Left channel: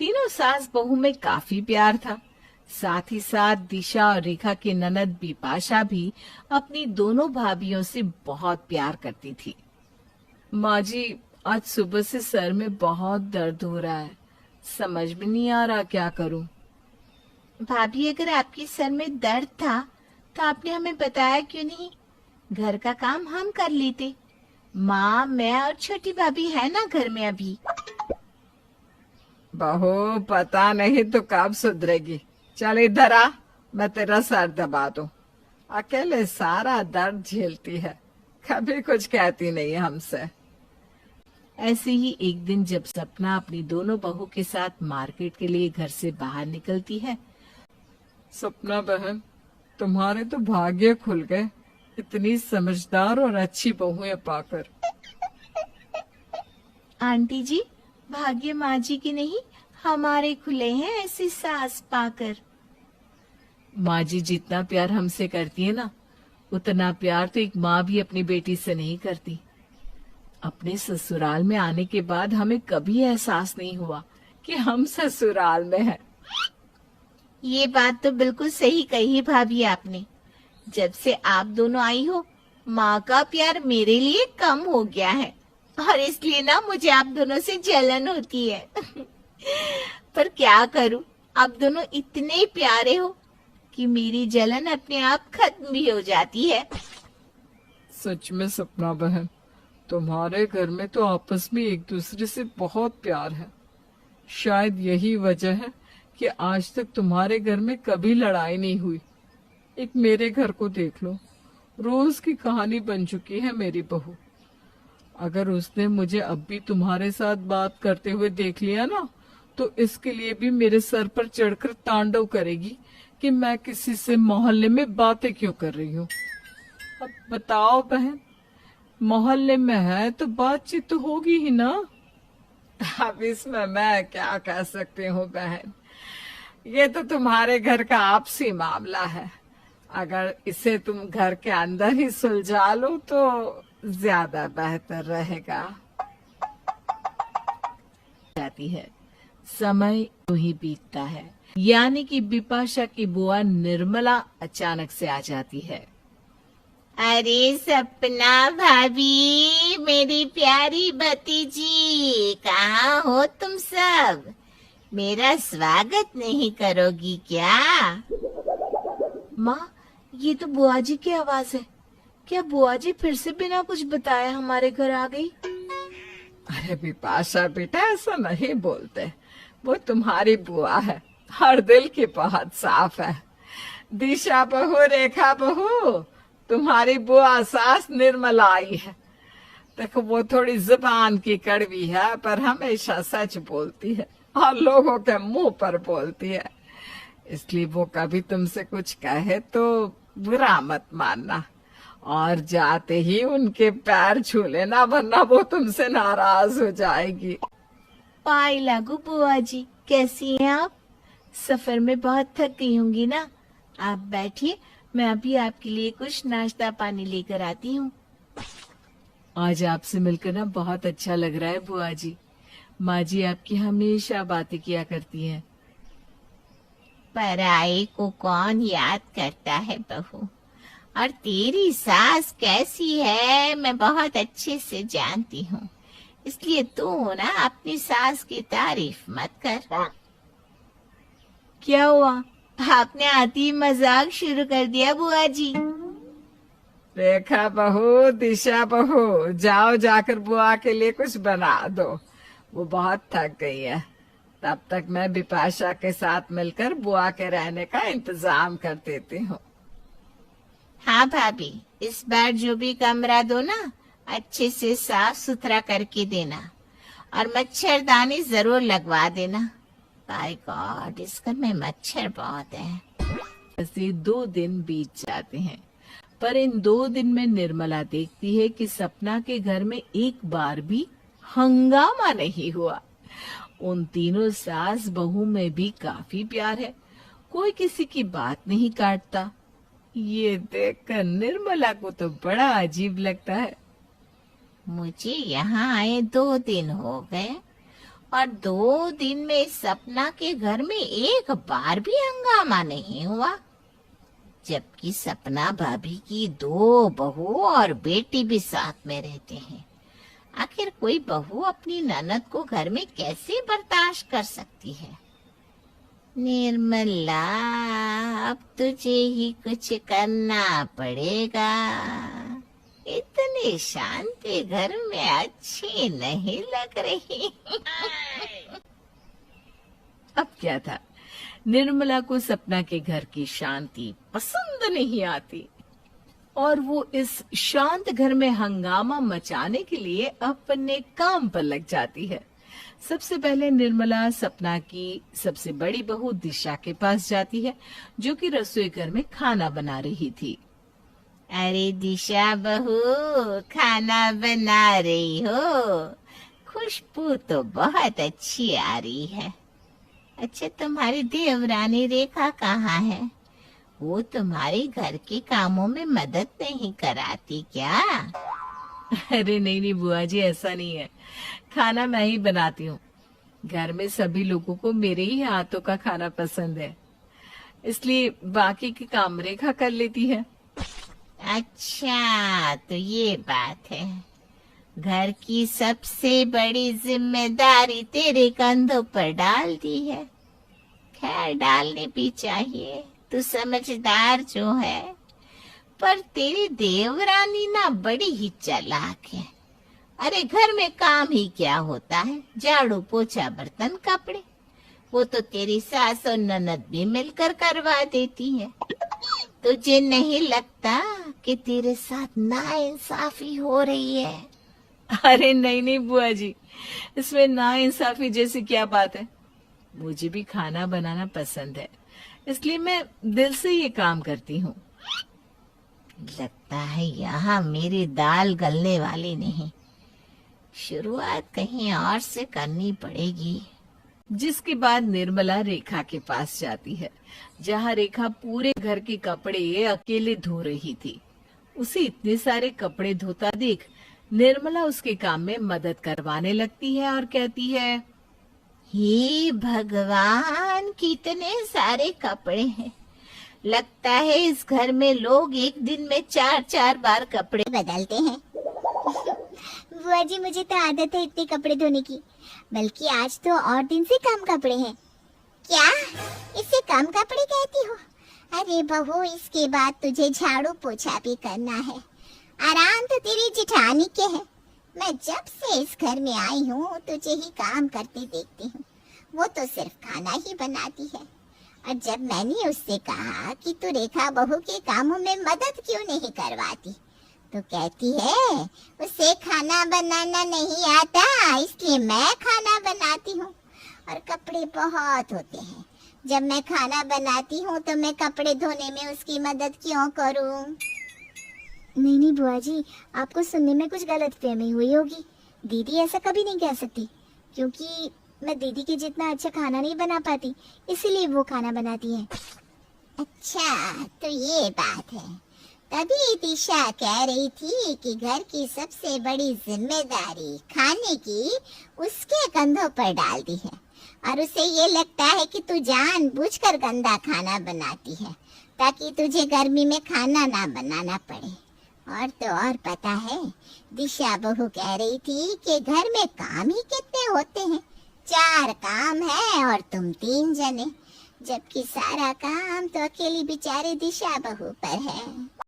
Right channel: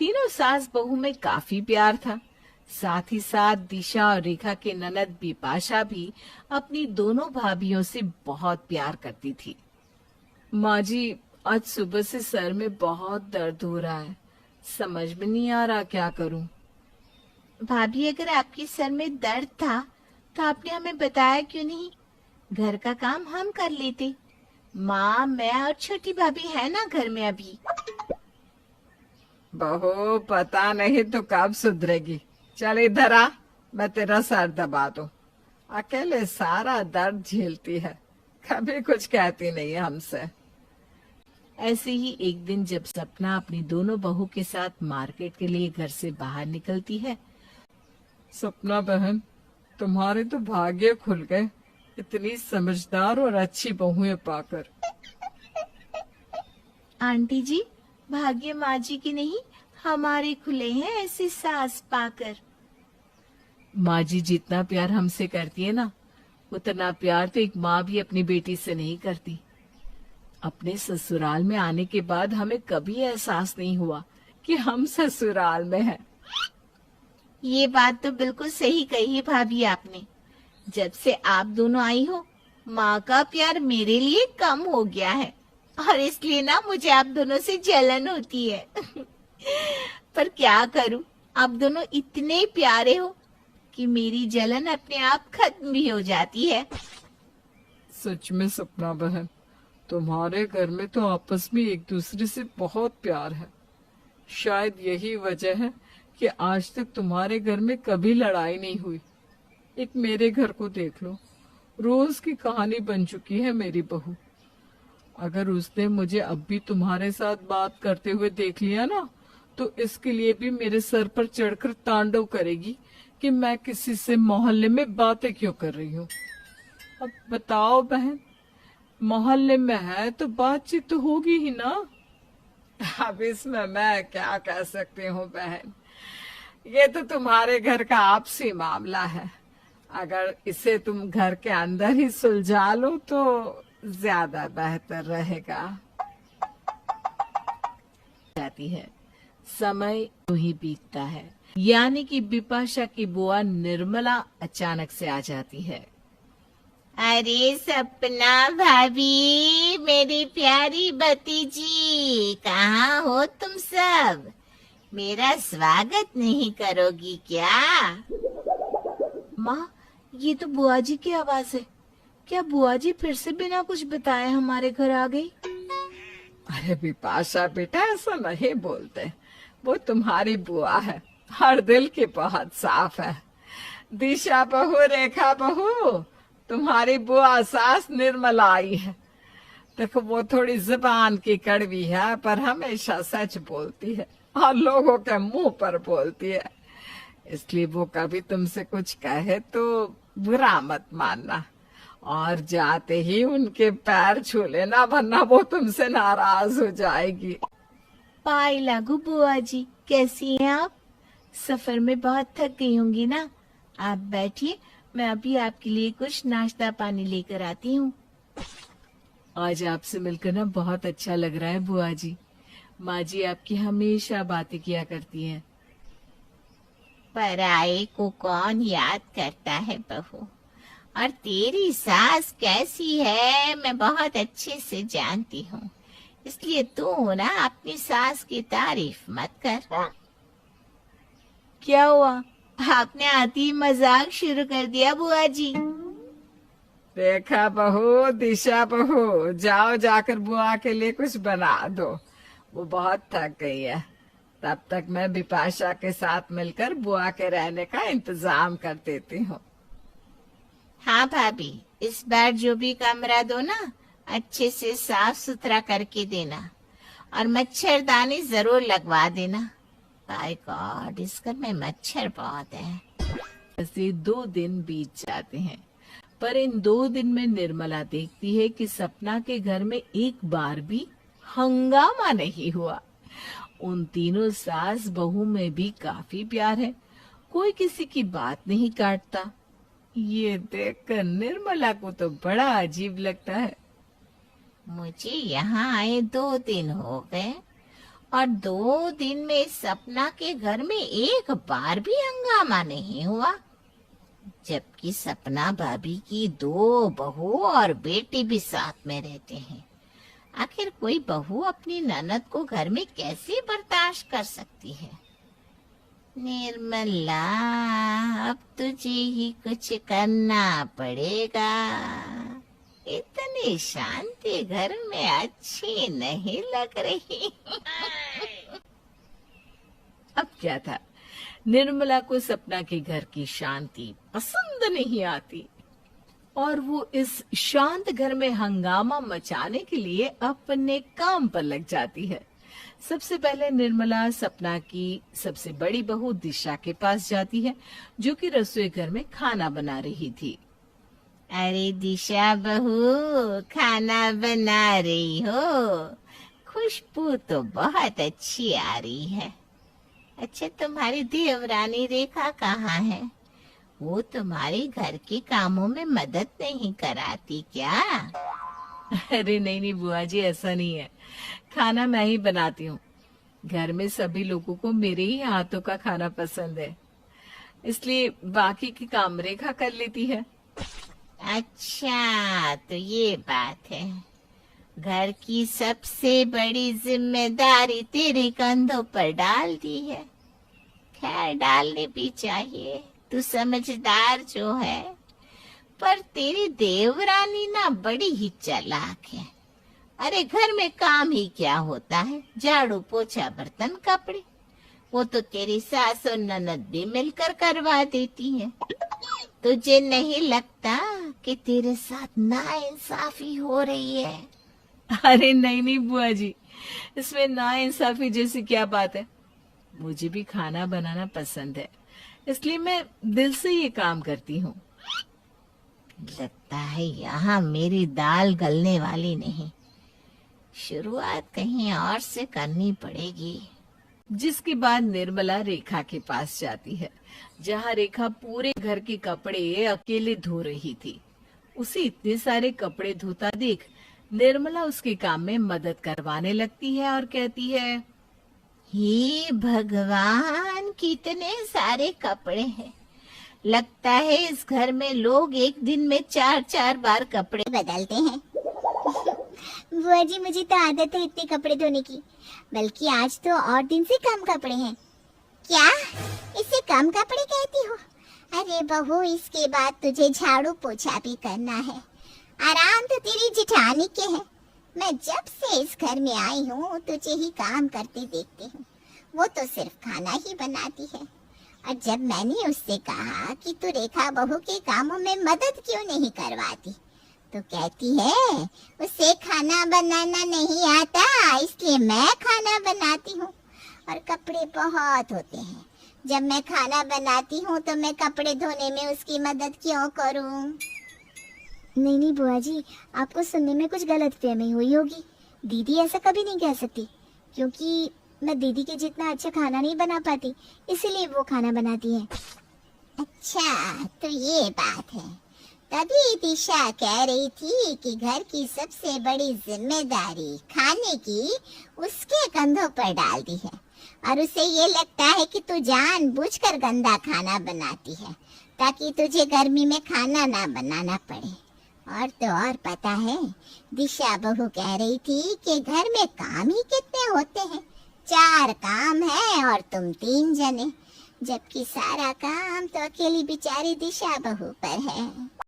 तीनों सास बहू में काफी प्यार था। साथ ही साथ दिशा और रेखा की ननद बिपाशा भी अपनी दोनों भाभियों से बहुत प्यार करती थी। माँ जी, आज सुबह से सर में बहुत दर्द हो रहा है, समझ में नहीं आ रहा क्या करूं। भाभी, अगर आपके सर में दर्द था तो आपने हमें बताया क्यों नहीं? घर का काम हम कर लेते। माँ, मैं और छोटी भाभी है ना घर में अभी। बहू, पता नहीं तो कब सुधरेगी। चल इधर आ, मैं तेरा सर दबा दूं। अकेले सारा दर्द झेलती है, कभी कुछ कहती नहीं है हमसे। ऐसे ही एक दिन जब सपना अपनी दोनों बहू के साथ मार्केट के लिए घर से बाहर निकलती है। सपना बहन, तुम्हारे तो भाग्य खुल गए, इतनी समझदार और अच्छी बहुएं पाकर। आंटी जी, भाग्य माँ जी की नहीं, हमारे खुले हैं ऐसी सास पाकर। माँ जी जितना प्यार हमसे करती है ना, उतना प्यार तो एक माँ भी अपनी बेटी से नहीं करती। अपने ससुराल में आने के बाद हमें कभी एहसास नहीं हुआ कि हम ससुराल में हैं। ये बात तो बिल्कुल सही कही भाभी आपने। जब से आप दोनों आई हो, माँ का प्यार मेरे लिए कम हो गया है और इसलिए ना मुझे आप दोनों से जलन होती है। पर क्या करूं, आप दोनों इतने प्यारे हो कि मेरी जलन अपने आप खत्म भी हो जाती है। सच में सपना बहन, तुम्हारे घर में तो आपस में एक दूसरे से बहुत प्यार है। शायद यही वजह है कि आज तक तुम्हारे घर में कभी लड़ाई नहीं हुई। एक मेरे घर को देख लो, रोज की कहानी बन चुकी है मेरी बहू। अगर उसने मुझे अब भी तुम्हारे साथ बात करते हुए देख लिया ना, तो इसके लिए भी मेरे सर पर चढ़कर तांडव करेगी कि मैं किसी से मोहल्ले में बातें क्यों कर रही हूँ। अब बताओ बहन, मोहल्ले में है तो बातचीत तो होगी ही ना। अब इसमें मैं क्या कह सकती हूँ बहन, ये तो तुम्हारे घर का आपसी मामला है। अगर इसे तुम घर के अंदर ही सुलझा लो तो ज्यादा बेहतर रहेगा। जाती है, समय यूं ही बीतता है। यानी कि बिपाशा की बुआ निर्मला अचानक से आ जाती है। अरे सपना भाभी, मेरी प्यारी भतीजी, कहाँ हो तुम सब? मेरा स्वागत नहीं करोगी क्या? माँ, ये तो बुआ जी की आवाज है। क्या बुआ जी फिर से बिना कुछ बताए हमारे घर आ गई? अरे बिपाशा बेटा, ऐसा नहीं बोलते, वो तुम्हारी बुआ है और दिल की बहुत साफ है। दिशा बहू, रेखा बहू, तुम्हारी बुआ सास निर्मला आई है। देखो, वो थोड़ी जुबान की कड़वी है पर हमेशा सच बोलती है और लोगों के मुंह पर बोलती है। इसलिए वो कभी तुमसे कुछ कहे तो बुरा मत मानना और जाते ही उनके पैर छू लेना, वरना वो तुमसे नाराज हो जाएगी। पाई लागू बुआ जी, कैसी हैं आप? सफर में बहुत थक गई होंगी ना। आप बैठिए, मैं अभी आपके लिए कुछ नाश्ता पानी लेकर आती हूँ। आज आपसे मिलकर ना बहुत अच्छा लग रहा है बुआ जी। माँ जी आपकी हमेशा बातें किया करती हैं। पराये को कौन याद करता है बहू? और तेरी सास कैसी है मैं बहुत अच्छे से जानती हूँ, इसलिए तू ना अपनी सास की तारीफ मत कर। क्या हुआ? आपने आती ही मजाक शुरू कर दिया बुआ जी। रेखा बहू, दिशा बहू, जाओ जाकर बुआ के लिए कुछ बना दो, वो बहुत थक गई है। तब तक मैं बिपाशा के साथ मिलकर बुआ के रहने का इंतजाम कर देती हूँ। हाँ भाभी, इस बार जो भी कमरा दो ना, अच्छे से साफ सुथरा करके देना और मच्छरदानी जरूर लगवा देना। बाय गॉड, इस घर में मच्छर बहुत है। ऐसे 2 दिन बीत जाते हैं, पर इन 2 दिन में निर्मला देखती है कि सपना के घर में एक बार भी हंगामा नहीं हुआ। उन तीनों सास बहू में भी काफी प्यार है, कोई किसी की बात नहीं काटता। ये देखकर निर्मला को तो बड़ा अजीब लगता है। मुझे यहाँ आए 2 दिन हो गए और 2 दिन में सपना के घर में एक बार भी हंगामा नहीं हुआ, जबकि सपना भाभी की 2 बहू और बेटी भी साथ में रहते हैं। आखिर कोई बहू अपनी ननद को घर में कैसे बर्दाश्त कर सकती है? निर्मला, अब तुझे ही कुछ करना पड़ेगा। इतनी शांति घर में अच्छी नहीं लग रही। अब क्या था, निर्मला को सपना के घर की शांति पसंद नहीं आती और वो इस शांत घर में हंगामा मचाने के लिए अपने काम पर लग जाती है। सबसे पहले निर्मला सपना की सबसे बड़ी बहू दिशा के पास जाती है, जो कि रसोई घर में खाना बना रही थी। अरे दिशा बहू, खाना बना रही हो? खुशबू तो बहुत अच्छी आ रही है। अच्छा, तुम्हारी देवरानी रेखा कहाँ है? वो तुम्हारे घर के कामों में मदद नहीं कराती क्या? अरे नहीं बुआ जी, ऐसा नहीं है। खाना मैं ही बनाती हूँ। घर में सभी लोगों को मेरे ही हाथों का खाना पसंद है, इसलिए बाकी के काम रेखा कर लेती है। अच्छा, तो ये बात है। घर की सबसे बड़ी जिम्मेदारी तेरे कंधों पर डाल दी है। खैर, डालने भी चाहिए, तू समझदार जो है। पर तेरी देवरानी ना बड़ी ही चालाक है। अरे घर में काम ही क्या होता है, झाड़ू पोछा बर्तन कपड़े, वो तो तेरी सास और ननद भी मिलकर करवा देती है। तुझे नहीं लगता कि तेरे साथ नाइंसाफी हो रही है? अरे नहीं बुआ जी, इसमें नाइंसाफी जैसी क्या बात है। मुझे भी खाना बनाना पसंद है, इसलिए मैं दिल से ये काम करती हूँ। लगता है यहाँ मेरी दाल गलने वाली नहीं। शुरुआत कहीं और से करनी पड़ेगी। जिसके बाद निर्मला रेखा के पास जाती है, जहाँ रेखा पूरे घर के कपड़े अकेले धो रही थी। उसे इतने सारे कपड़े धोता देख निर्मला उसके काम में मदद करवाने लगती है और कहती है, हे भगवान, कितने सारे कपड़े हैं। लगता है इस घर में लोग एक दिन में 4-4 बार कपड़े बदलते हैं। बुआ जी, मुझे तो आदत है इतने कपड़े धोने की, बल्कि आज तो और दिन से कम कपड़े हैं। क्या इसे कम कपड़े कहती हो? अरे बहू, इसके बाद तुझे झाड़ू पोछा भी करना है। आराम तो तेरी जिठानी के है। मैं जब से इस घर में आई हूँ तुझे ही काम करते देखती हूँ। वो तो सिर्फ खाना ही बनाती है। और जब मैंने उससे कहा कि तू रेखा बहू के कामों में मदद क्यों नहीं करवाती, तो कहती है उसे खाना बनाना नहीं आता, इसलिए मैं खाना बनाती हूँ। और कपड़े बहुत होते हैं। जब मैं खाना बनाती हूँ तो मैं कपड़े धोने में उसकी मदद क्यों करूँ? नहीं बुआ जी, आपको सुनने में कुछ गलतफहमी हुई होगी। दीदी ऐसा कभी नहीं कह सकती, क्योंकि मैं दीदी के जितना अच्छा खाना नहीं बना पाती, इसीलिए वो खाना बनाती है। अच्छा, तो ये बात है। तभी दिशा कह रही थी कि घर की सबसे बड़ी जिम्मेदारी खाने की उसके कंधों पर डाल दी है, और उसे ये लगता है कि तू जानबूझकर गंदा खाना बनाती है ताकि तुझे गर्मी में खाना ना बनाना पड़े। और तो और पता है, दिशा बहू कह रही थी कि घर में काम ही कितने होते हैं, 4 काम है और तुम 3 जने, जबकि सारा काम तो अकेली बेचारी दिशा बहू पर है।